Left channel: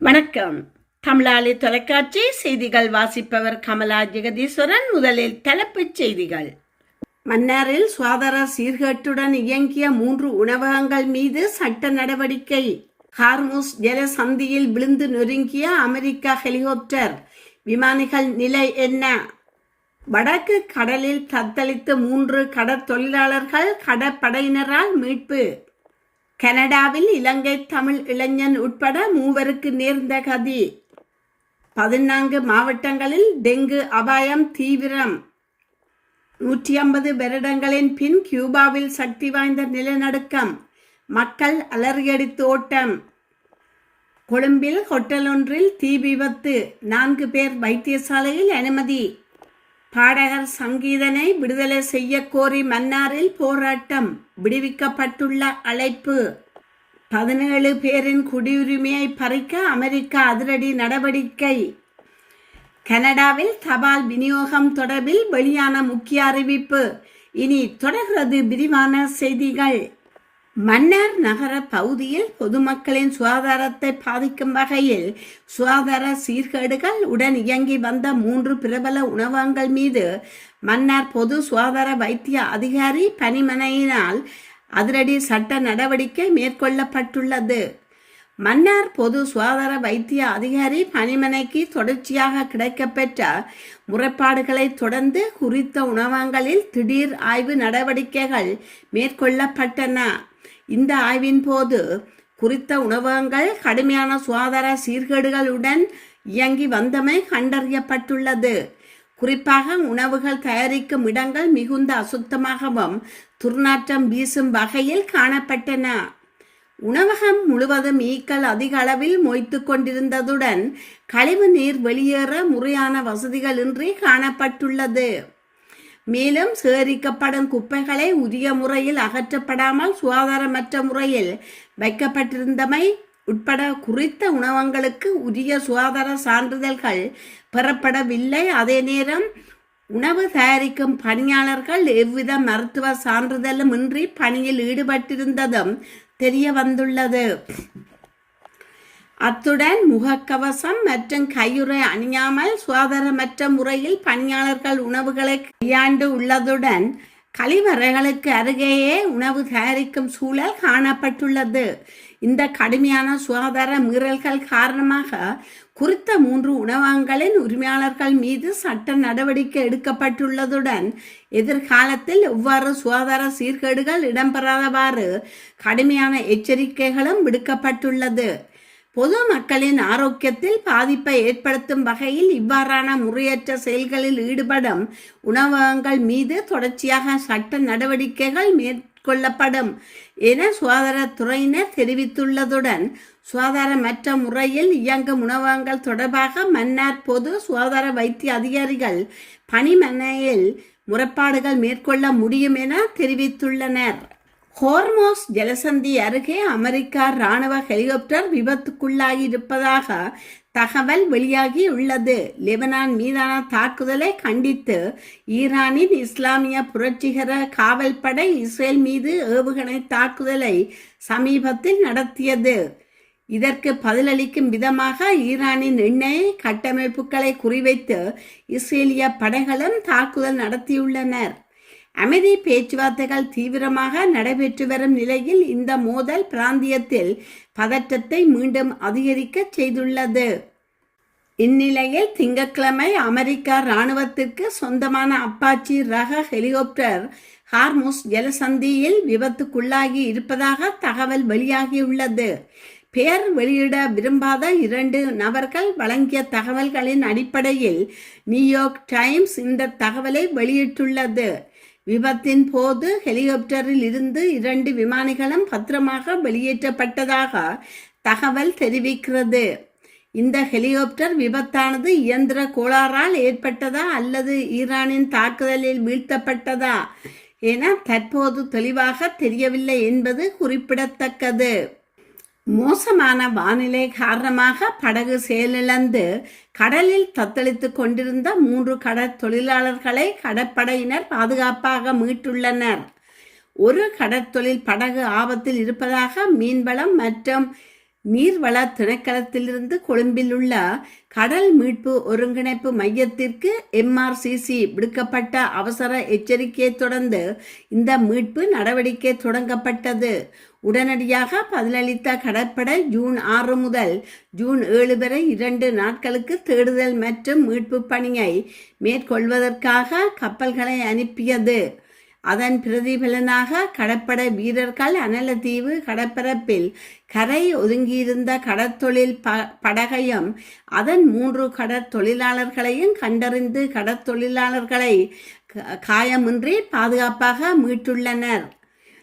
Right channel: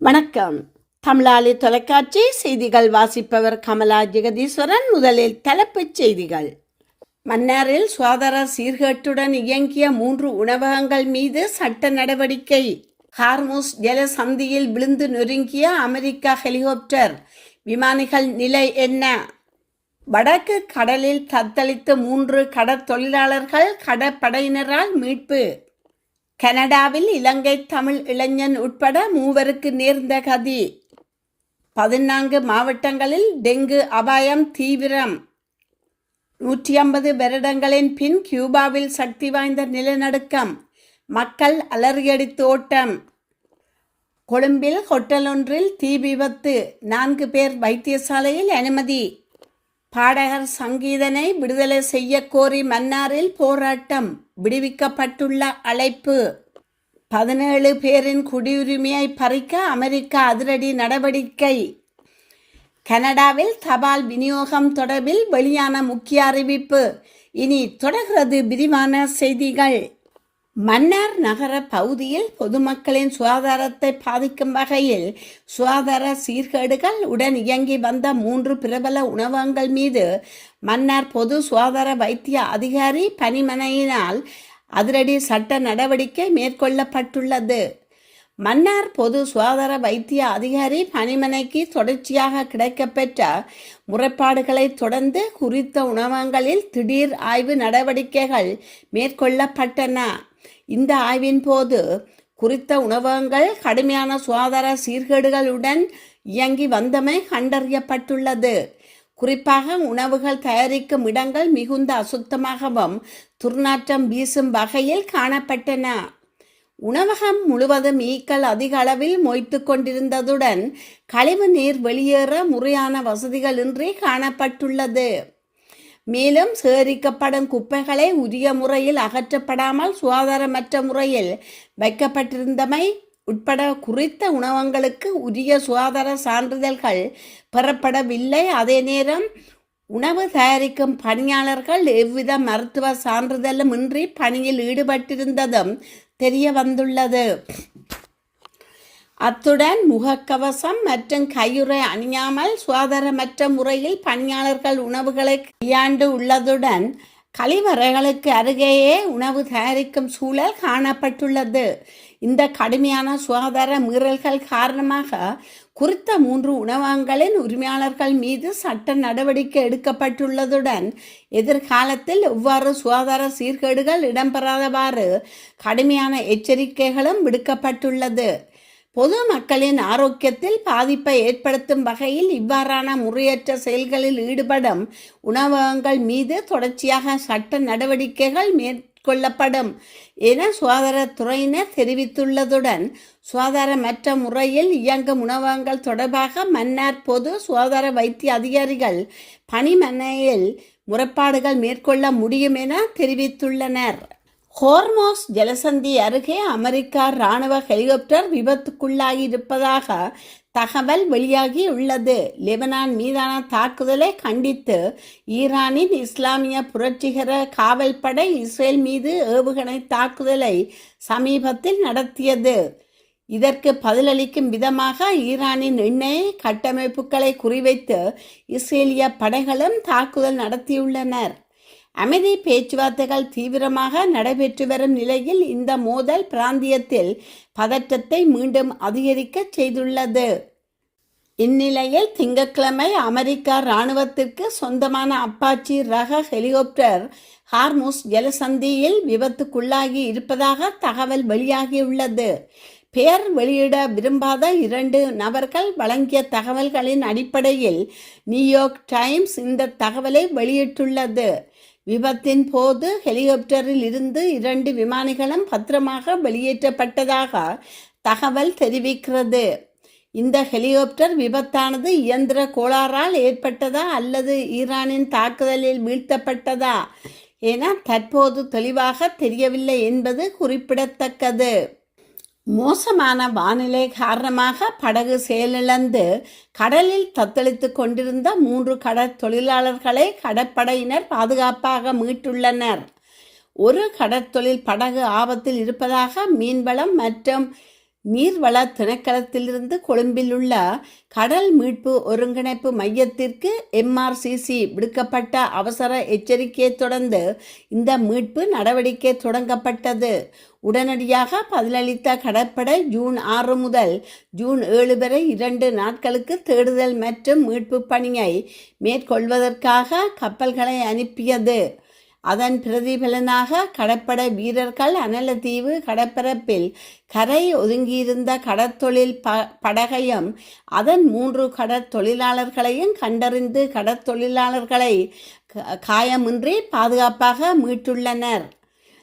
வணக்கம். தமிழாளி தொலைக்காட்சி செய்திகள் வாசிப்பவர் கமலா ஜெகதீஸ்வரன். முதலில் தலைப்புச் செய்திகள். மன்னாரில் சுகாதார சீர்கேட்டுடன் இயங்கிய 3 உணவகங்கள் மீது சட்ட நடவடிக்கை. ஹார்முஸ் ஜலசந்தியில் விழுந்து நொறுங்கிய அமெரிக்கா ஹெலிகாப்டர். விமானிகள் நிலை என்ன? வடக்கு கடலில் தத்தளித்த 3 கடற்தொழிலாளர்கள் கடற்படையினரால் மீட்பு. கனடாவில் இலங்கை தமிழ் இளைஞன் உட்பட 3 நேர்ந்த கதி. 14 மாவட்டங்களில் டெங்கு அபாயம் தீவிரம். 150 வருடங்களின் பின் கியூபாவில் சக்தி வாய்ந்த நிலநடுக்கம். மக்கள் அலறியடித்து ஓட்டம். கொழும்பில் ஹோட்டல் ஒன்றில் தீ விபத்து. 4 பேர் வைத்தியசாலையில் அனுமதி. பாடகர் சங்கீதனை விடுதலை செய்ய கோரி மன்னாரில் போராட்டம். விடுவிக்கப்பட்டுள்ள அழைப்பு. 17 பேரின் குடியுரிமையை பறிக்க அமெரிக்கா அதிரடி நடவடிக்கை. கனடாவில் தபால் விநியோகம் தொடர்பில் வெளியான முக்கிய அறிவிப்பு. இனி தொடர்கிறது விரிவான செய்திகள். மன்னார் நகர பகுதியில் பொதுமக்களின் சுகாதாரத்தை பாதிக்கும் வகையில் சுகாதார சீர்கேடுகள் உடன் இயங்கி வந்த 3 பிரபல உணவகங்கள் மீது மன்னார் பொது சுகாதார வைத்திய அதிகாரி பணிமனையினால் அதிரடி சட்ட நடவடிக்கை மேற்கொள்ளப்பட்டுள்ளது. மன்னார் பொது சுகாதார வைத்திய அதிகாரி பணிமனைக்கு தொடர்ச்சியாக கிடைக்கப்பெற்ற முறைப்பாடுகளை தொடர்ந்து குறித்த உணவகங்களில் திடீர் ஆய்வு நடவடிக்கைகள் மேற்கொள்ளப்பட்டன. இந்த ஆய்வின் போது குறித்த உணவகங்கள் கடுமையான சுகாதார சீர்கேடுகளுடன் இயங்கி வந்தமை கண்டறியப்பட்டுள்ளது. குறிப்பாக உணவுகள் தயாரிக்கும் இடங்கள் மிகுந்த அசுத்தமாகவும் துர்நாற்றம் வீசும் வகையில் காணப்பட்டன. உணவகம் முழுவதும் ஈக்கள் அதிக அளவில் மொய்த்து கொண்டிருந்ததுடன் கழிவு நீர் வெளியேற முறையான வசதிகள் இன்றி காணப்பட்டுள்ளது. மேலும் சேகரிக்கப்படும் குப்பைகளை உரிய முறையில் அகற்றப்படாமல் சுகாதாரமற்ற முறையில் வைக்கப்பட்டிருந்தமை உட்பட குறித்த உணவகங்களுக்கு உரிய சுகாதார சான்றிதழ்கள் பெறப்படவில்லை. அதே நேரம் உணவு தயாரிக்கும் பணியாளர்கள் எவ்வித மருத்துவ சான்றிதழும் இன்றி பணியில் ஈடுபட்டிருந்ததும் தெரிய வந்துள்ளது. அத்துடன் முகக்கவசம் மற்றும் கையுறை அணியாமல் சுகாதாரமற்ற முறையில் பணியாளர்கள் உணவுகளை கையாண்டு உள்ளதுடன் கழிவறைகளுக்கு அருகேயே உணவு தயாரிக்கும் சூழல் காணப்பட்டுள்ளது. இந்த கடுமையான சுகாதார மீறல்கள் காரணமாக குறித்த 3 உணவகங்களின் உரிமையாளர்கள் மீது சட்ட நடவடிக்கை எடுக்கப்பட்டுள்ளதுடன் எதிர்காலத்தில் எவ்வாறு சுகாதார சீர்கேடுகள் இடம்பெறாதவாறு கடுமையான எச்சரிக்கைகளும் விடுக்கப்பட்டுள்ளது. பொது மக்களின் ஆரோக்கியத்தில் பாதிப்பை ஏற்படுத்தும் வகையில் இவ்வாறான முறையற்ற செயல்களில் ஈடுபடும் உணவகங்கள் மீது தொடர்ச்சியாக சட்ட நடவடிக்கைகள் மேற்கொள்ளப்படும் என சுகாதாரத்துறையினர் தெரிவித்துள்ளதுடன் சுகாதாரமற்ற முறையில் இயங்கும் உணவகங்கள் தொடர்பாக மன்னார் பொது சுகாதார வைத்திய அதிகாரிகள் பணிமனையில் முறைப்பாடுகள் மேற்கொள்ள முடியும் என தெரிவித்துள்ளனர். ஹோர்மோஸ் ஜலசந்தி அருகே அமெரிக்கா இராணுவ ஹெலிகாப்டர் விபத்துக்குள்ளாகி இருப்பதாக தகவல் வெளியாகியுள்ளது. லெபனான் மீதான தாக்குதலை கண்டித்து ஈரானின் இஸ்லாமிய புரட்சிகர காவல்படை இஸ்ரேல் மீது ஏவுகணை தாக்குதலை சமீபத்தில் நடத்தியது. இதற்கு பதிலளிக்கும் விதமாக ஈரானின் எண்ணெய் கட்டமைப்புகளை குறிவைத்து இஸ்ரேலிய படைகளும் தாக்குதல் நடத்தியுள்ளனர். அமைதி பேச்சுவார்த்தைகள் தீவிரமாக நடைபெற்று வரும் நிலையில் இந்த மோதல் பிராந்தியத்தில் பதற்றத்தை மீண்டும் அதிகரிக்க செய்துள்ளது. இந்நிலையில் திங்கட்கிழமை அமெரிக்கா இராணுவத்திற்கு சொந்தமான அப்பாச்சி ரக ஹெலிகாப்டர் ஹார்முஸ் ஜலசந்தியில் விபத்துக்குள்ளாகி இருப்பதாக தகவல் வெளியாகியுள்ளது. பெயர் வெளியிட விரும்பாத 2 நபர்கள் வழங்கிய தகவல்களின் அடிப்படையில் நியூயார்க் டைம்ஸ் இந்த தகவலை வெளியிட்டுள்ளது. விபத்தின் போது ஹெலிகாப்டரில் இருந்து 2 விமானிகளும் பத்திரமாக வெளியேற்றப்பட்டதாக தகவல் தெரிவிக்கிறது. இந்த ஹெலிகாப்டர் விபத்தானது இயந்திர கோளாறால் ஏற்பட்டதா அல்லது ஈரானின் தாக்குதலில் வீழ்த்தப்பட்டதா என தற்போது தெளிவாக தெரியவில்லை என்பது குறிப்பிடத்தக்கது. மோசமான வானிலை காரணமாக படகு செயலிழந்து கடலில் தத்தளித்து கொண்டிருந்த 3 கடற்தொழிலாளர்களை கடற்படையினர் பாதுகாப்பாக மீட்டுள்ளனர். ஒரு கடற்தொழில் படகு ஆபத்தில் இருப்பதாக மீன்வளம் மற்றும் நீர்வள திணைக்களத்திலிருந்து கொழும்பில் உள்ள கடல் மீட்பு ஒருங்கிணைப்பு மையத்திற்கு MRCC விடுக்கப்பட்ட அவசர எச்சரிக்கையை தொடர்ந்து இந்த மீட்பு நடவடிக்கை தொடங்கப்பட்டது. உடனடியாக பதிலளித்த கடற்படை ஜூன் 6 முதல் ஜூன் 7 வரை 2 நாட்களுக்கு தேடுதல் மற்றும் மீட்பு பணியை மேற்கொள்வதற்காக கப்பல்களை அனுப்பியது. அதன் பிரதிபலனாக கடற்படை வீரர்கள் அனலதீவு கடற்பரப்பில் கரை ஒதுங்கியிருந்த கடற்தொழில் படகையும் அதன் 3 கடற்தொழிலாளர்களையும் கண்டறிந்து கடற்தொழிலாளர்களை காயமின்றி பாதுகாப்பாக மீட்டுள்ளனர்.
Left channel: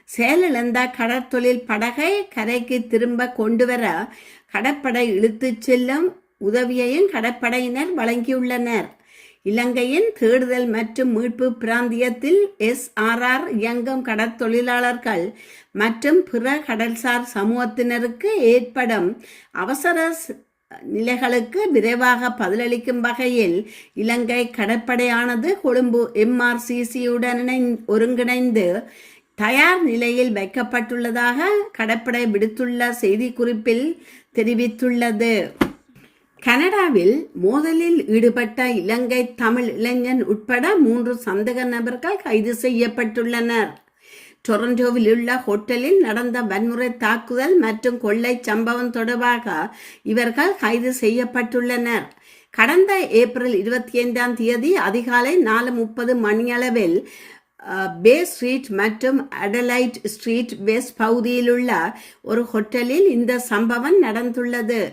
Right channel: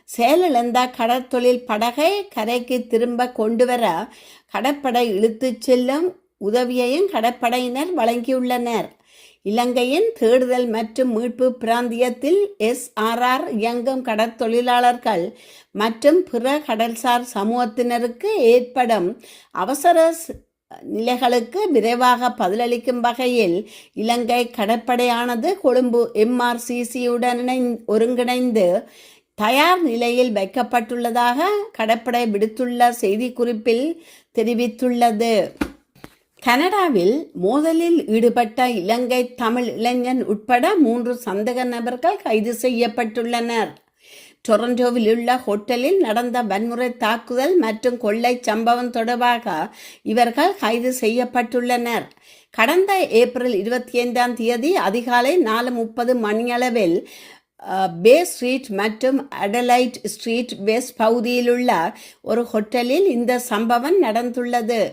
செயலிழந்த கடற்தொழில் படகை கரைக்கு திரும்ப கொண்டுவர கடற்படை இழுத்துச் செல்லும் உதவியையும் கடற்படையினர் வழங்கியுள்ளனர். இலங்கையின் தேடுதல் மற்றும் மீட்பு பிராந்தியத்தில் SRR இயங்கும் கடற்தொழிலாளர்கள் மற்றும் பிற கடல்சார் சமூகத்தினருக்கு ஏற்படும் அவசர நிலைகளுக்கு விரைவாக பதிலளிக்கும் வகையில் இலங்கை கடற்படையானது கொழும்பு MRCCயுடன் ஒருங்கிணைந்து தயார் நிலையில் வைக்கப்பட்டுள்ளதாக கடற்படை விடுத்துள்ள செய்திக்குறிப்பில் தெரிவித்துள்ளது. கனடாவில் மோதலில் ஈடுபட்ட இலங்கை தமிழ் இளைஞன் உட்பட 3 சந்தேக நபர்கள் கைது செய்யப்பட்டுள்ளனர். டொரண்டோவில் உள்ள ஹோட்டலில் நடந்த வன்முறை தாக்குதல் மற்றும் கொள்ளை சம்பவம் தொடர்பாக இவர்கள் கைது செய்யப்பட்டுள்ளனர். கடந்த ஏப்ரல் 25ஆம் தேதி அதிகாலை 4:30 மணியளவில் பே ஸ்ட்ரீட் மற்றும் அடலைட் ஸ்ட்ரீட் வெஸ்ட் பகுதியிலுள்ள ஒரு ஹோட்டலில் இந்த சம்பவம் நடந்துள்ளது.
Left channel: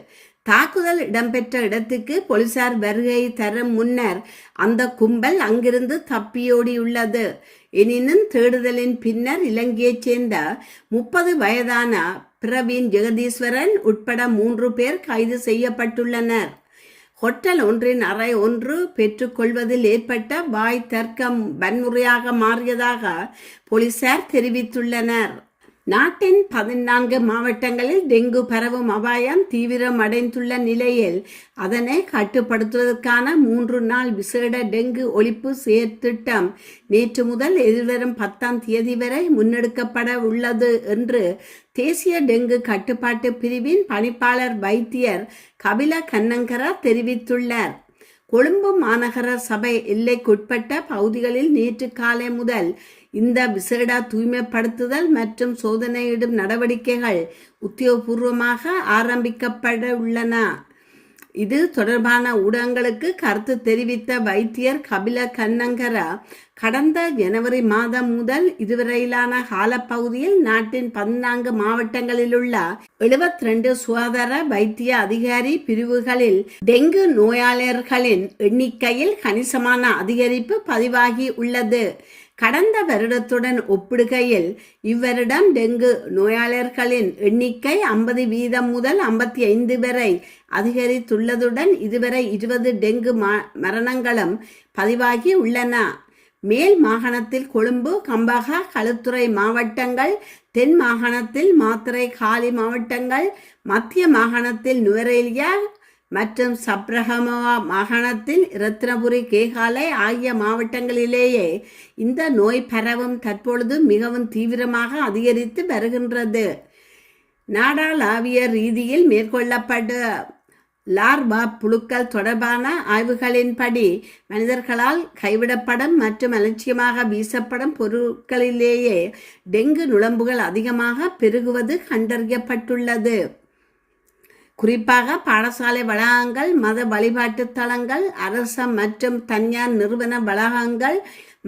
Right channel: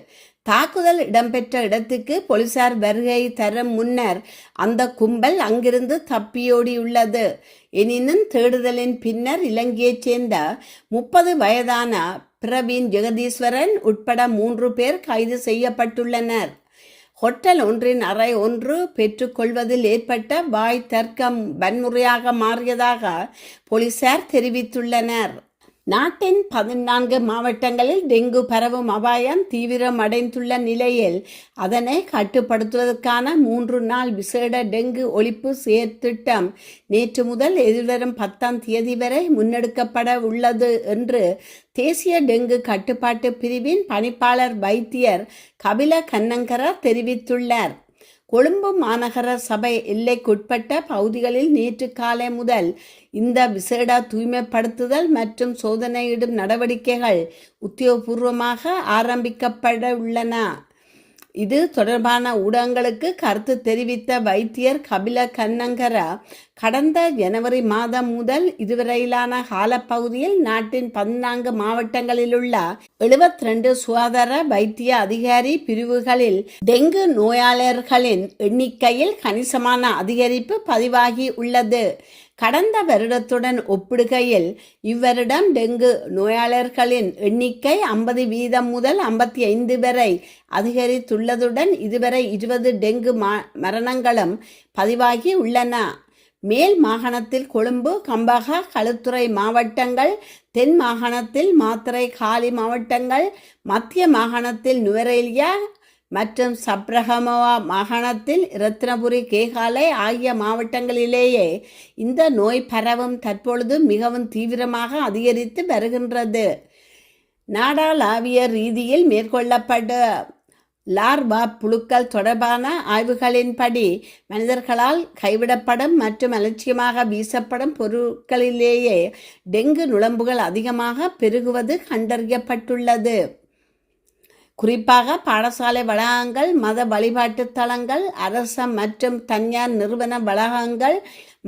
தாக்குதல் இடம்பெற்ற இடத்துக்கு போலீசார் வருகை தரும் முன்னர் அந்த கும்பல் அங்கிருந்து தப்பியோடியுள்ளது. எனினும் தேடுதலின் பின்னர் இலங்கையைச் சேர்ந்த 30 வயதான பிரவீன் ஜெகதீஸ்வரன் உட்பட 3 பேர் கைது செய்யப்பட்டுள்ளனர். ஹோட்டல் ஒன்றின் அறை ஒன்று பெற்றுக்கொள்வதில் ஏற்பட்ட வாய் தர்க்கம் வன்முறையாக மாறியதாக போலீசார் தெரிவித்துள்ளனர். நாட்டின் 14 மாவட்டங்களில் டெங்கு பரவும் அபாயம் தீவிரமடைந்துள்ள நிலையில் அதனை கட்டுப்படுத்துவதற்கான 3 நாள் விசேட டெங்கு ஒழிப்பு செயற்திட்டம் நேற்று முதல் எதிர்வரும் 10ஆம் தேதி வரை முன்னெடுக்கப்பட உள்ளது என்று தேசிய டெங்கு கட்டுப்பாட்டு பிரிவின் பணிப்பாளர் வைத்தியர் கபில கன்னங்கர தெரிவித்துள்ளார். கொழும்பு மாநகர சபை எல்லைக்குட்பட்ட பகுதிகளில் நேற்று காலை முதல் இந்த விசேட தூய்மைப்படுத்துதல் மற்றும் சோதனையிடும் நடவடிக்கைகள் உத்தியோகபூர்வமாக ஆரம்பிக்கப்பட உள்ளன. இது தொடர்பான ஊடகங்களுக்கு கருத்து தெரிவித்த வைத்தியர் கபில கன்னங்கர கடந்த ஜனவரி மாதம் முதல் இதுவரையிலான காலப்பகுதியில் நாட்டின் 14 மாவட்டங்களிலுள்ள 72 சுகாதார வைத்திய அதிகாரி பிரிவுகளில் டெங்கு நோயாளர்களின் எண்ணிக்கையில் கணிசமான அதிகரிப்பு பதிவாகி உள்ளது. கடந்த வருடத்துடன் ஒப்பிடுகையில் இவ்வருடம் டெங்கு நோயாளர்களின் எண்ணிக்கை 50% முதல் 55 வரை அதிகரித்துள்ளதுடன் இதுவரை 20 டெங்கு மரணங்களும் பதிவாகி உள்ளன. மேல் மாகாணத்தில் கொழும்பு, கம்பஹா, களுத்துறை மாவட்டங்கள், தென் மாகாணத்தில் மாத்தறை, காலி மாவட்டங்கள், மத்திய மாகாணத்தில் நுவரெலியா மற்றும் சப்ரகமவா மாகாணத்தில் ரத்னபுரி, கேகாலை ஆகிய மாவட்டங்களிலேயே இந்த நோய் பரவும் தற்பொழுது மிகவும் தீவிரமாக அதிகரித்து வருகின்றது. நாடாளாவிய ரீதியில் மேற்கொள்ளப்பட்ட லார்வா புழுக்கள் தொடர்பான ஆய்வுகளின்படி மனிதர்களால் கைவிடப்படும் மற்றும் அலட்சியமாக வீசப்படும் பொருட்களிலேயே டெங்கு நுளம்புகள் அதிகமாக பெருகுவது கண்டறியப்பட்டுள்ளது. குறிப்பாக பாடசாலை வளாகங்கள், மத வழிபாட்டு தலங்கள், அரச மற்றும் தனியார் நிறுவன வளாகங்கள்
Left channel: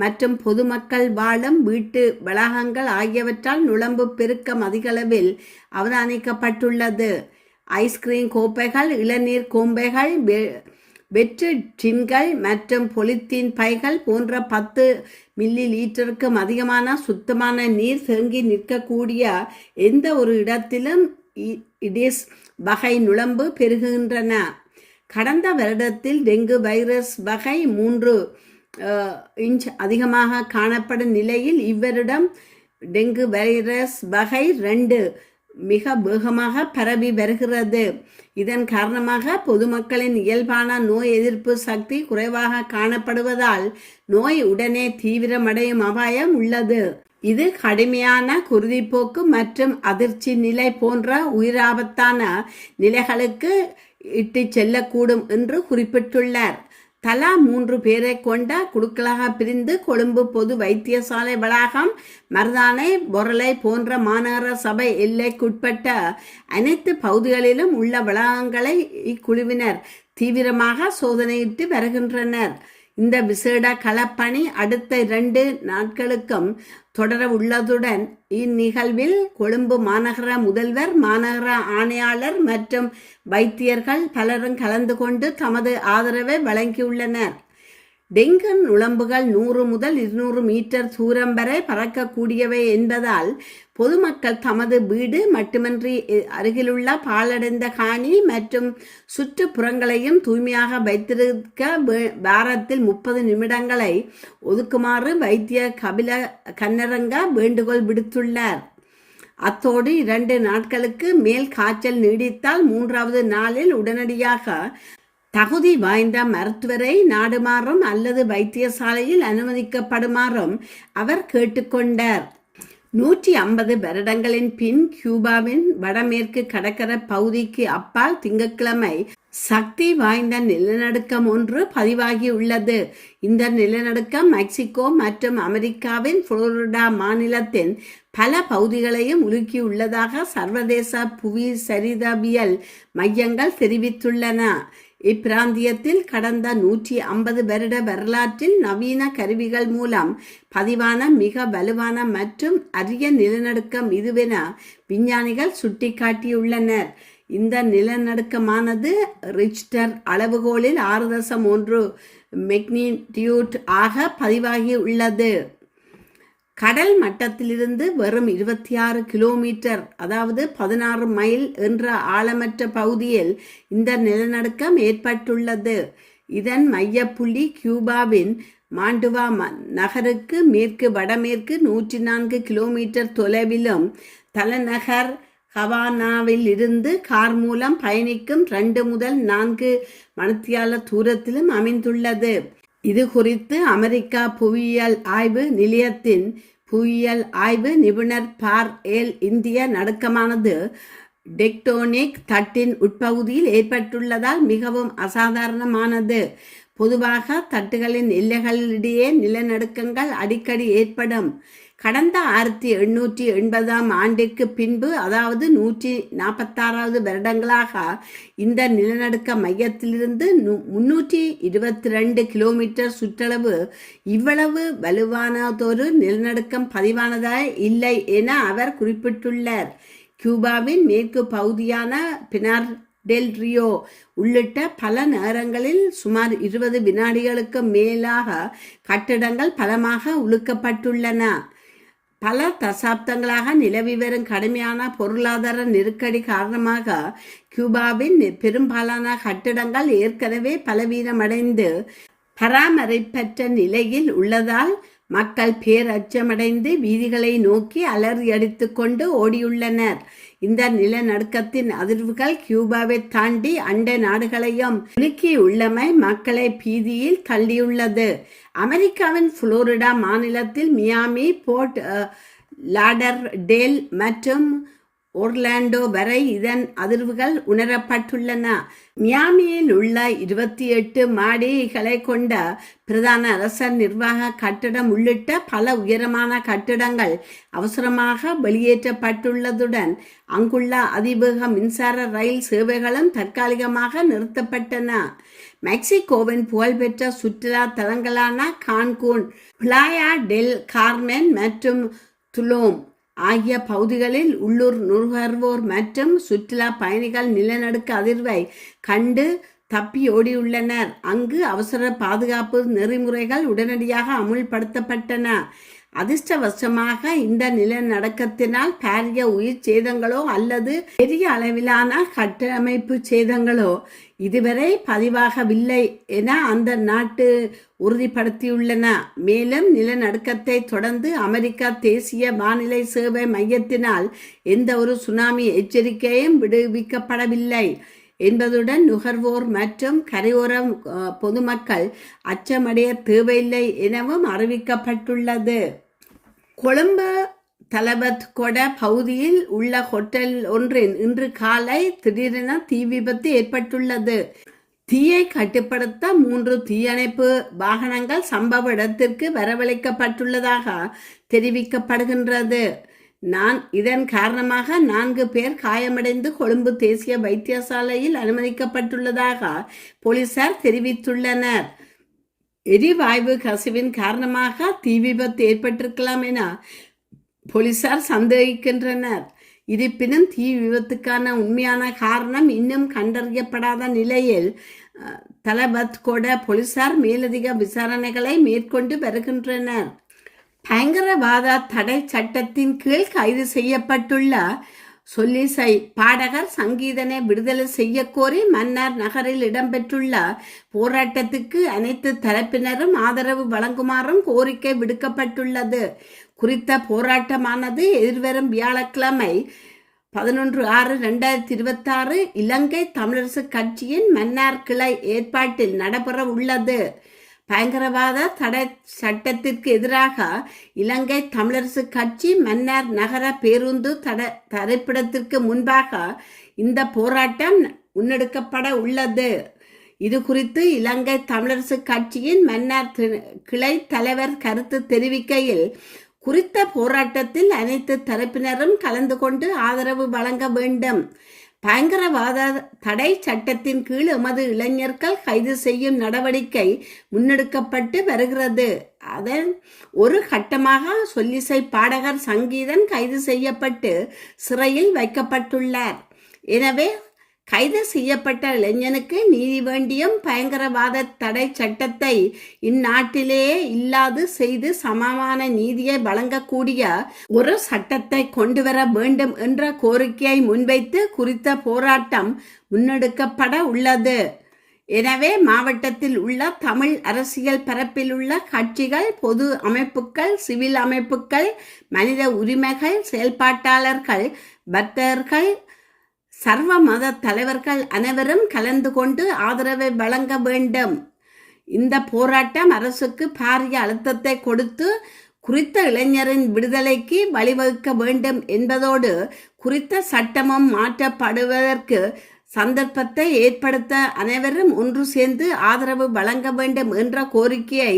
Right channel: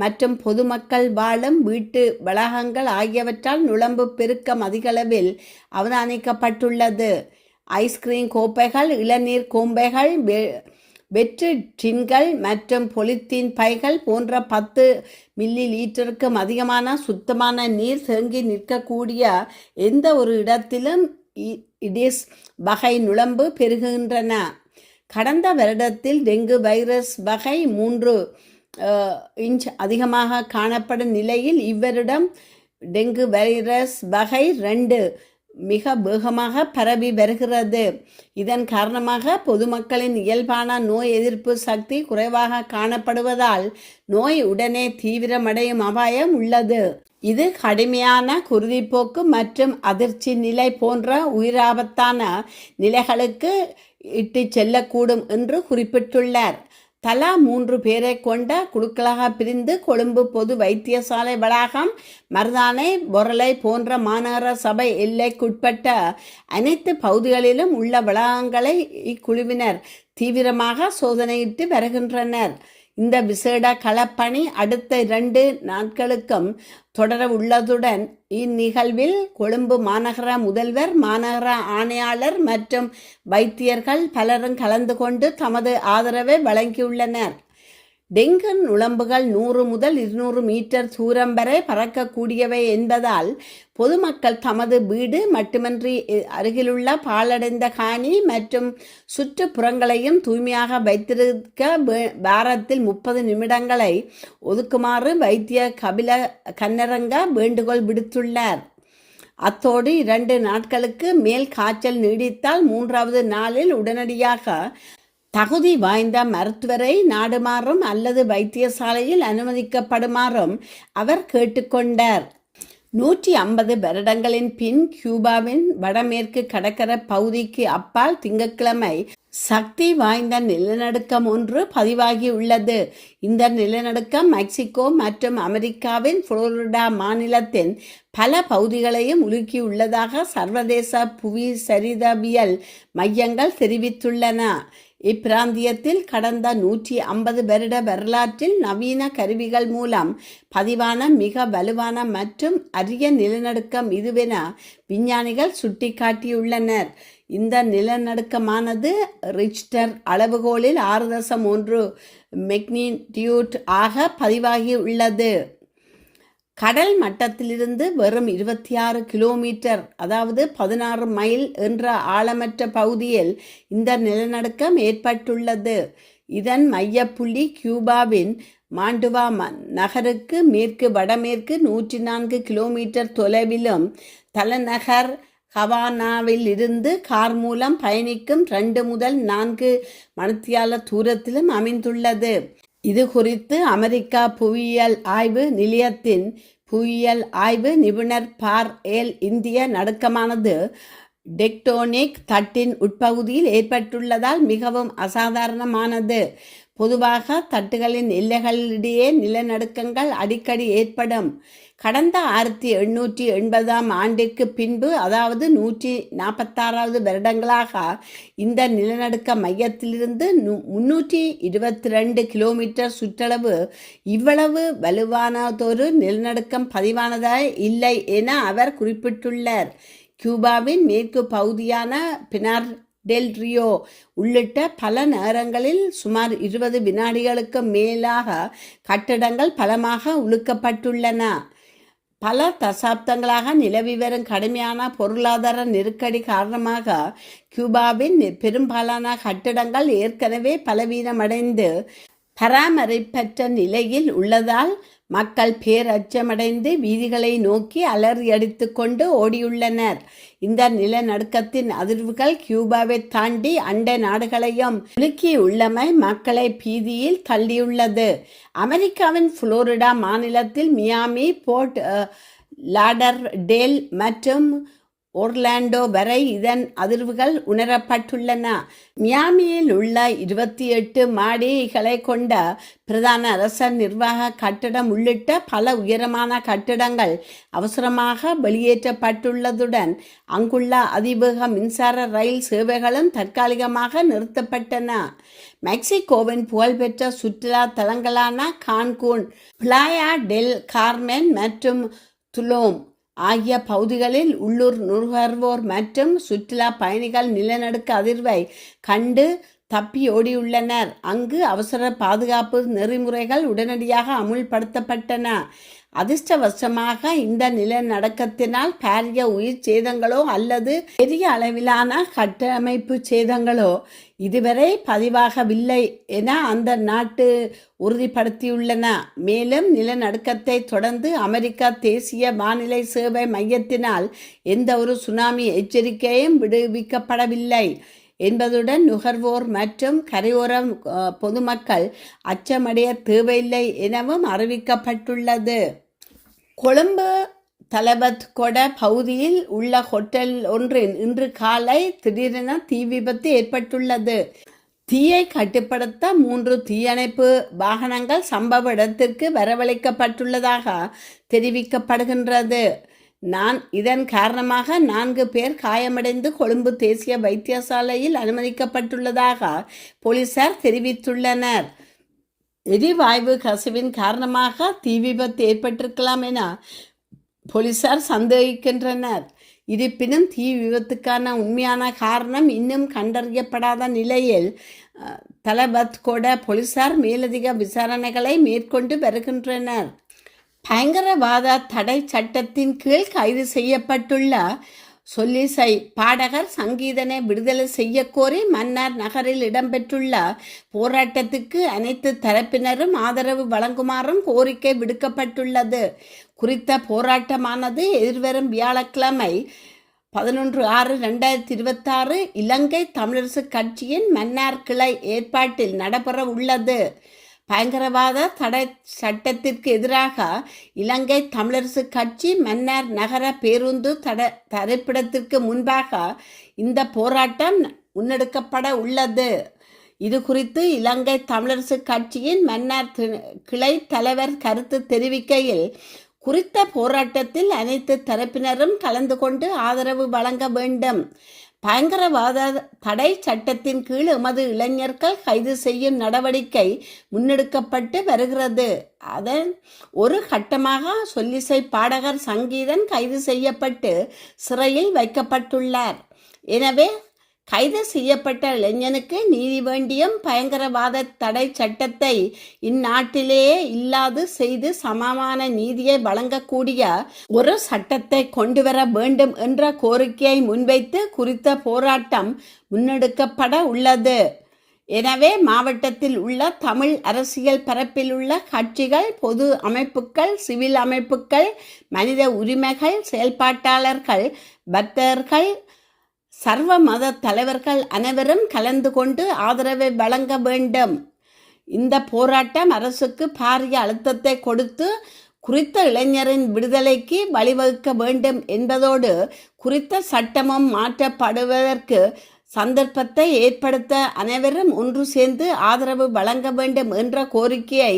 மற்றும் பொதுமக்கள் வாழும் வீட்டு வளாகங்கள் ஆகியவற்றால் நுளம்பு பெருக்கம் அதிகளவில் அவதானிக்கப்பட்டுள்ளது. ஐஸ்கிரீம் கோப்பைகள், இளநீர் கோம்பைகள், வெற்று டின்கள் மற்றும் பொலித்தீன் பைகள் போன்ற 10 மில்லி லீட்டருக்கும் அதிகமான சுத்தமான நீர் தேங்கி நிற்கக்கூடிய எந்த ஒரு இடத்திலும் இடிஸ் வகை நுளம்பு பெருகுகின்றன. கடந்த வருடத்தில் டெங்கு வைரஸ் வகை 3 இன்ச் அதிகமாக காணப்படும் நிலையில் இவ்வருடம் டெங்கு வைரஸ் வகை 2 மிக வேகமாக பரவி வருகிறது. இதன் காரணமாக பொதுமக்களின் இயல்பான நோய் எதிர்ப்பு சக்தி குறைவாக காணப்படுவதால் நோய் உடனே தீவிரமடையும் அபாயம் உள்ளது. இது கடுமையான குருதிப்போக்கு மற்றும் அதிர்ச்சி நிலை போன்ற உயிராபத்தான நிலைகளுக்கு இட்டு செல்லக்கூடும் என்று குறிப்பிட்டுள்ளார். தலா 3 பேரை கொண்ட குழுக்களாக பிரிந்து கொழும்பு பொது வைத்தியசாலை வளாகம், மருதானை, பொரலை போன்ற மாநகர சபை எல்லைக்குட்பட்ட அனைத்து பகுதிகளிலும் உள்ள வளாகங்களை இக்குழுவினர் தீவிரமாக சோதனையிட்டு வருகின்றனர். இந்த விசேட களப்பணி அடுத்த 2 நாட்களுக்கும் தொடர உள்ளதுடன் இந்நிகழ்வில் கொழும்பு மாநகர முதல்வர், மாநகர ஆணையாளர் மற்றும் வைத்தியர்கள் பலரும் கலந்து கொண்டு தமது ஆதரவை வழங்கியுள்ளனர். டெங்கு நுளம்புகள் 100 முதல் 200 மீட்டர் தூரம் வரை பறக்கக்கூடியவை என்பதால் பொதுமக்கள் தமது வீடு மட்டுமின்றி அருகிலுள்ள பாழடைந்த காணி மற்றும் சுற்றுப்புறங்களையும் தூய்மையாக வைத்திருக்க வாரத்தில் 30 நிமிடங்களை ஒதுக்குமாறு வைத்திய கபில கன்னரங்க வேண்டுகோள் விடுத்துள்ளார். அத்தோடு 2 நாட்களுக்கு மேல் காய்ச்சல் நீடித்தால் 3வது நாளில் உடனடியாக தகுதி வாய்ந்த மருத்துவரை நாடுமாறும் அல்லது வைத்தியசாலையில் அனுமதிக்கப்படுமாறும் அவர் கேட்டுக்கொண்டார். 150 வருடங்களின் பின் கியூபாவின் வடமேற்கு கடற்கரை பகுதிக்கு அப்பால் திங்கட்கிழமை சக்தி வாய்ந்த நிலநடுக்கம் ஒன்று பதிவாகியுள்ளது. இந்த நிலநடுக்கம் மெக்சிகோ மற்றும் அமெரிக்காவின் புளோரிடா மாநிலத்தின் பல பகுதிகளையும் உலுக்கியுள்ளதாக சர்வதேச புவி சரிதவியல் மையங்கள் தெரிவித்துள்ளன. இப்பிராந்தியத்தில் கடந்த 150 வருட வரலாற்றில் நவீன கருவிகள் மூலம் பதிவான மிக வலுவான மற்றும் அரிய நிலநடுக்கம் இதுவென விஞ்ஞானிகள் சுட்டிக்காட்டியுள்ளனர். இந்த நிலநடுக்கமானது ரிச்டர் அளவுகோலில் 6.1 மெக்னிடியூட் ஆக பதிவாகியுள்ளது. கடல் மட்டத்திலிருந்து வெறும் 26 கிலோமீட்டர், அதாவது 16 மைல் என்ற ஆழமற்ற பகுதியில் இந்த நிலநடுக்கம் ஏற்பட்டுள்ளது. இதன் மையப்புள்ளி கியூபாவின் மாண்டுவா நகருக்கு மேற்கு வடமேற்கு 104 கிலோமீட்டர் தொலைவிலும், தலைநகர் ஹவானாவில் இருந்து கார் மூலம் பயணிக்கும் 2 முதல் 4 மணித்தியால தூரத்திலும் அமைந்துள்ளது. இது குறித்து அமெரிக்கா புவியியல் ஆய்வு நிலையத்தின் புவியியல் ஆய்வு நிபுணர் பார்-எல் இந்திய நடுக்கமானது டெக்டோனிக் தட்டின் உட்பகுதியில் ஏற்பட்டுள்ளதால் மிகவும் அசாதாரணமானது. பொதுவாக தட்டுகளின் எல்லைகளிடையே நிலநடுக்கங்கள் அடிக்கடி ஏற்படும். கடந்த 1880ஆம் ஆண்டிற்கு பின்பு, அதாவது 146வது வருடங்களாக இந்த நிலநடுக்க மையத்திலிருந்து 322 கிலோமீட்டர் சுற்றளவு இவ்வளவு வலுவானதொரு நிலநடுக்கம் பதிவானதாக இல்லை என அவர் குறிப்பிட்டுள்ளார். கியூபாவின் மேற்கு பகுதியான பினார் டெல் ரியோ உள்ளிட்ட பல நகரங்களில் சுமார் 20 வினாடிகளுக்கு மேலாக கட்டிடங்கள் பலமாக உலுக்கப்பட்டுள்ளன. பல தசாப்தங்களாக நிலவி வரும் கடுமையான பொருளாதார நெருக்கடி காரணமாக கியூபாவின் பெரும்பாலான கட்டிடங்கள் ஏற்கனவே பலவீனமடைந்து பராமரிப்பற்ற நிலையில் உள்ளதால் மக்கள் பேரச்சமடைந்து வீதிகளை நோக்கி அலறியடித்து கொண்டு ஓடியுள்ளனர். இந்த நிலநடுக்கத்தின் அதிர்வுகள் கியூபாவை தாண்டி அண்டை நாடுகளையும் உலுக்கியுள்ளமை மக்களை பீதியில் தள்ளியுள்ளது. அமெரிக்காவின் புளோரிடா மாநிலத்தில் மியாமி, போர்ட் லாடர்டேல் மற்றும் ஒர்லாண்டோ வரை இதன் அதிர்வுகள் உணரப்பட்டுள்ளன. மியாமியில் உள்ள 28 மாடிகளை கொண்ட பிரதான அரச நிர்வாக கட்டிடம் உள்ளிட்ட பல உயரமான கட்டிடங்கள் அவசரமாக வெளியேற்றப்பட்டுள்ளதுடன் அங்குள்ள அதிவேக மின்சார ரயில் சேவைகளும் தற்காலிகமாக நிறுத்தப்பட்டன. மெக்சிகோவின் புகழ்பெற்ற சுற்றுலா தலங்களான கான்கூன், பிளாயா டெல் கார்மென் மற்றும் துலோம் ஆகிய பகுதிகளில் உள்ளூர் நுகர்வோர் மற்றும் சுற்றுலா பயணிகள் நிலநடுக்க அதிர்வை கண்டு தப்பி ஓடியுள்ளனர். அங்கு அவசர பாதுகாப்பு நெறிமுறைகள் உடனடியாக அமுல்படுத்தப்பட்டன. அதிர்ஷ்டவசமாக இந்த நிலநடுக்கத்தினால் பாரிய உயிர் சேதங்களோ அல்லது பெரிய அளவிலான கட்டமைப்பு சேதங்களோ இதுவரை பதிவாகவில்லை என அந்த நாட்டு உறுதிப்படுத்தியுள்ளன. மேலும் நிலநடுக்கத்தை தொடர்ந்து அமெரிக்கா தேசிய வானிலை சேவை மையத்தினால் எந்த ஒரு சுனாமி எச்சரிக்கையும் விடுவிக்கப்படவில்லை என்பதுடன் நுகர்வோர் மற்றும் கரையோர பொதுமக்கள் அச்சமடைய தேவையில்லை எனவும் அறிவிக்கப்பட்டுள்ளது. கொழும்பு தலபத் கொட பகுதியில் உள்ள ஹோட்டல் ஒன்றில் இன்று காலை திடீரென தீ விபத்து ஏற்பட்டுள்ளது. தீயை கட்டுப்படுத்த 3 தீயணைப்பு வாகனங்கள் சம்பவ இடத்திற்கு வரவழைக்கப்பட்டுள்ளதாக தெரிவிக்கப்படுகின்றது. இதன் காரணமாக 4 பேர் காயமடைந்து கொழும்பு தேசிய வைத்தியசாலையில் அனுமதிக்கப்பட்டுள்ளதாக போலீசார் தெரிவித்துள்ளனர். எரிவாயு கசிவின் காரணமாக தீ விபத்து ஏற்பட்டிருக்கலாம் என போலீசார் சந்தேகிக்கின்றனர். இருப்பினும் தீ விபத்துக்கான உண்மையான காரணம் இன்னும் கண்டறியப்படாத நிலையில் தலபத் கோட போலீசார் மேலதிக விசாரணைகளை மேற்கொண்டு வருகின்றனர். பயங்கரவாத தடை சட்டத்தின் கீழ் கைது செய்யப்பட்டுள்ள சொல்லிசை பாடகர் சங்கீதனை விடுதலை செய்ய கோரி மன்னார் நகரில் இடம்பெற்றுள்ள போராட்டத்துக்கு அனைத்து தரப்பினரும் ஆதரவு வழங்குமாறும் கோரிக்கை விடுக்கப்பட்டுள்ளது. குறித்த போராட்டமானது எதிர்வரும் வியாழக்கிழமை 11/6/2026 இலங்கை தமிழரசு கட்சியின் மன்னார் கிளை ஏற்பாட்டில் நடைபெற உள்ளது. பயங்கரவாத தடை சட்டத்திற்கு எதிராக இலங்கை தமிழரசு கட்சி மன்னார் நகர பேருந்து தரிப்பிடத்திற்கு முன்பாக இந்த போராட்டம் முன்னெடுக்கப்பட உள்ளது. இது குறித்து இலங்கை தமிழரசு கட்சியின் மன்னார் கிளை தலைவர் கருத்து தெரிவிக்கையில், குறித்த போராட்டத்தில் அனைத்து தரப்பினரும் கலந்து கொண்டு ஆதரவு வழங்க வேண்டும். பயங்கரவாத தடை சட்டத்தின் கீழ் எமது இளைஞர்கள் கைது செய்யும் நடவடிக்கை முன்னெடுக்கப்பட்டு வருகிறது. அதன் ஒரு கட்டமாக சொல்லிசை பாடகர் சங்கீதன் கைது செய்யப்பட்டு சிறையில் வைக்கப்பட்டுள்ளார். எனவே கைது செய்யப்பட்ட இளைஞனுக்கு நீதி வேண்டியும் பயங்கரவாத தடை சட்டத்தை இந்நாட்டிலேயே இல்லாது செய்து சமமான நீதியை வழங்கக்கூடிய ஒரு சட்டத்தை கொண்டுவர வேண்டும் என்ற கோரிக்கையை முன்வைத்து குறித்த போராட்டம் முன்னெடுக்கப்பட உள்ளது. எனவே மாவட்டத்தில் உள்ள தமிழ் அரசியல் பரப்பில் உள்ள கட்சிகள், பொது அமைப்புகள், சிவில் அமைப்புகள், மனித உரிமைகள் செயல்பாட்டாளர்கள், பக்தர்கள், சர்வ மத தலைவர்கள் அனைவரும் கலந்து கொண்டு ஆதரவை வழங்க வேண்டும். இந்த போராட்டம் அரசுக்கு பாரிய அழுத்தத்தை கொடுத்து குறித்த இளைஞரின் விடுதலைக்கு வழிவகுக்க வேண்டும் என்பதோடு குறித்த சட்டமும் மாற்றப்படுவதற்கு சந்தர்ப்பத்தை ஏற்படுத்த அனைவரும் ஒன்று சேர்ந்து ஆதரவு வழங்க வேண்டும் என்ற கோரிக்கையை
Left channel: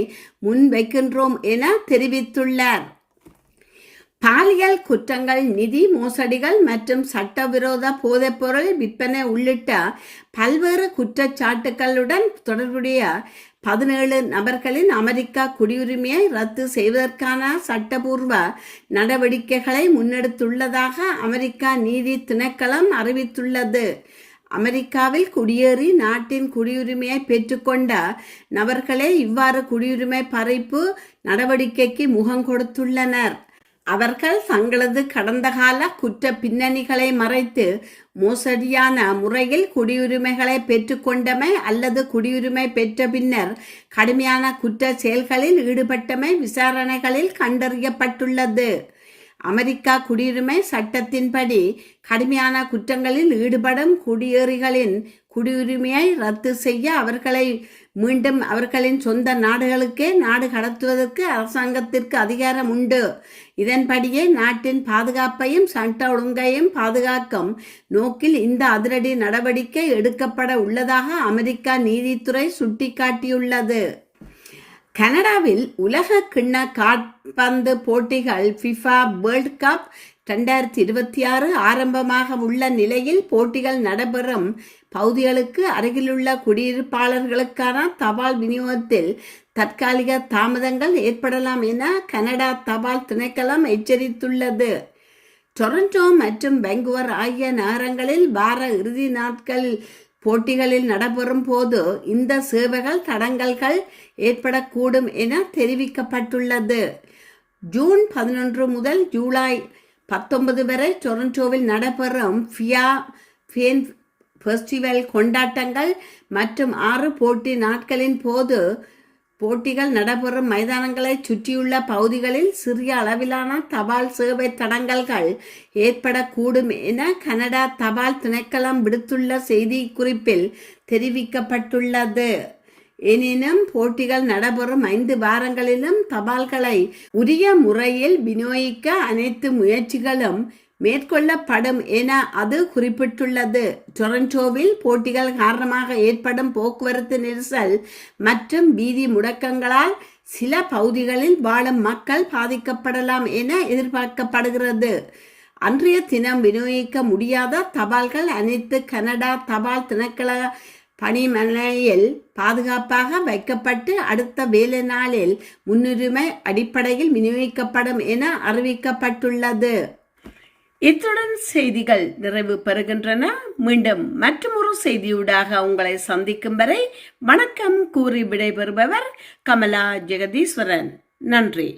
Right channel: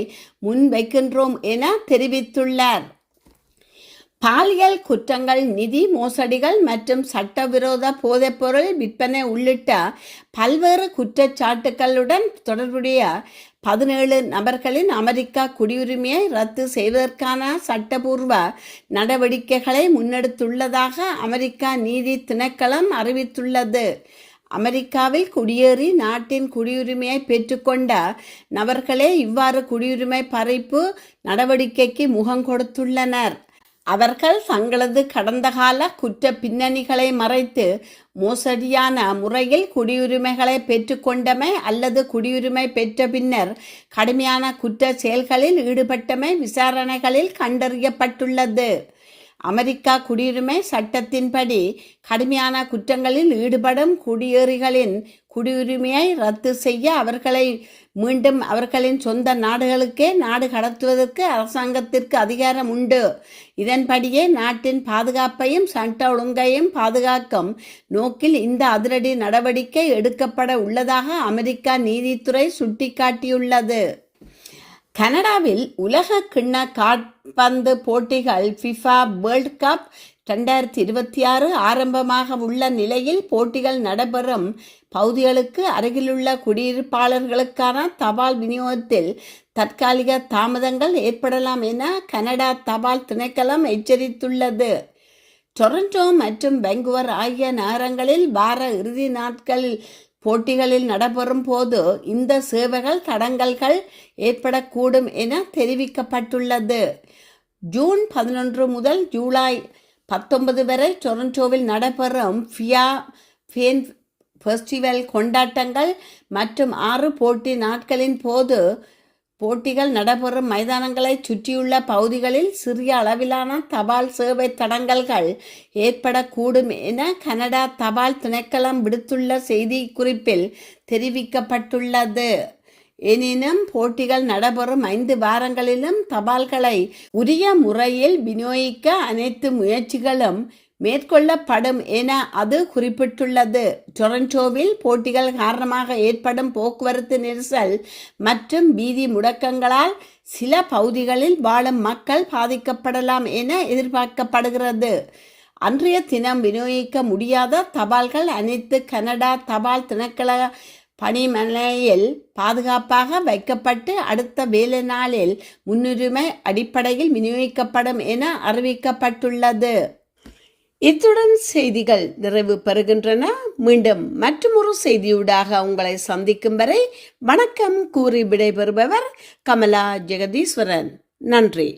முன்வைக்கின்றோம் என தெரிவித்துள்ளார். பாலியல் குற்றங்கள், நிதி மோசடிகள் மற்றும் சட்டவிரோத போதைப்பொருள் விற்பனை உள்ளிட்ட பல்வேறு குற்றச்சாட்டுகளுடன் தொடர்புடைய 17 நபர்களின் அமெரிக்கா குடியுரிமையை ரத்து செய்வதற்கான சட்டபூர்வ நடவடிக்கைகளை முன்னெடுத்துள்ளதாக அமெரிக்கா நீதி திணைக்களம் அறிவித்துள்ளது. அமெரிக்காவில் குடியேறி நாட்டின் குடியுரிமையை பெற்றுக்கொண்ட நபர்களே இவ்வாறு குடியுரிமை பறிப்பு நடவடிக்கைக்கு முகம் கொடுத்துள்ளனர். அவர்கள் தங்களது கடந்த கால குற்ற பின்னணிகளை மறைத்து மோசடியான முறையில் குடியுரிமைகளை பெற்றுக்கொண்டமை அல்லது குடியுரிமை பெற்ற பின்னர் கடுமையான குற்ற செயல்களில் ஈடுபட்டமை விசாரணைகளில் கண்டறியப்பட்டுள்ளது. அமெரிக்கா குடியுரிமை சட்டத்தின்படி கடுமையான குற்றங்களில் ஈடுபடும் குடியேறிகளின் குடியுரிமையை ரத்து செய்ய அவர்களை மீண்டும் அவர்களின் சொந்த நாடுகளுக்கே நாடு கடத்துவதற்கு அரசாங்கத்திற்கு அதிகாரம் உண்டு. இதன்படியே நாட்டின் பாதுகாப்பையும் சட்ட ஒழுங்கையும் பாதுகாக்கும் நோக்கில் இந்த அதிரடி நடவடிக்கை எடுக்கப்பட உள்ளதாக அமெரிக்கா நீதித்துறை சுட்டிக்காட்டியுள்ளது. கனடாவில் உலக கிண்ண கால்பந்து போட்டிகள் ஃபிஃபா வேர்ல்ட் கப் 2026 ஆரம்பமாக உள்ள நிலையில் போட்டிகள் நடைபெறும் பகுதிகளுக்கு அருகிலுள்ள குடியிருப்பாளர்களுக்கான தபால் விநியோகத்தில் தற்காலிக தாமதங்கள் ஏற்படலாம் என கனடா தபால் திணைக்களம் எச்சரித்துள்ளது. டொரண்டோ மற்றும் பெங்குவர் ஆகிய நகரங்களில் வார இறுதி நாட்கள் போட்டிகளில் நடைபெறும் போது இந்த சேவைகள் தடங்கல்கள் ஏற்படக்கூடும் என தெரிவிக்கப்பட்டுள்ளது. ஜூன் 11 முதல் ஜூலை 19 வரை டொரண்டோவில் நடைபெறும் ஃபியா ஃபேன் ஃபெஸ்டிவல் கொண்டாட்டங்கள் மற்றும் 6 போட்டி நாட்களின் போது போட்டிகள் நடைபெறும் மைதானங்களை சுற்றியுள்ள பகுதிகளில் சிறிய அளவிலான தபால் சேவை தடங்கல்கள் ஏற்படக்கூடும் என கனடா தபால் திணைக்களம் விடுத்துள்ள செய்தி குறிப்பில் தெரிவிக்கப்பட்டுள்ளது. எனினும் போட்டிகள் நடைபெறும் 5 வாரங்களிலும் தபால்களை உரிய முறையில் விநியோகிக்க அனைத்து முயற்சிகளும் மேற்கொள்ளப்படும் என அது குறிப்பிட்டுள்ளது. டொரண்டோவில் போட்டிகள் காரணமாக ஏற்படும் போக்குவரத்து நெரிசல் மற்றும் வீதி முடக்கங்களால் சில பகுதிகளில் வாழும் மக்கள் பாதிக்கப்படலாம் என எதிர்பார்க்கப்படுகிறது. அன்றைய தினம் விநியோகிக்க முடியாத தபால்கள் அனைத்து கனடா தபால் திணைக்கள பணிமனையில் பாதுகாப்பாக வைக்கப்பட்டு அடுத்த வேலை நாளில் முன்னுரிமை அடிப்படையில் விநியோகிக்கப்படும் என அறிவிக்கப்பட்டுள்ளது. இத்துடன் செய்திகள் நிறைவு பெறுகின்றன. மீண்டும் மற்றொரு செய்தியூடாக உங்களை சந்திக்கும் வரை வணக்கம் கூறி விடைபெறுபவர் கமலா ஜெகதீஸ்வரன். நன்றி.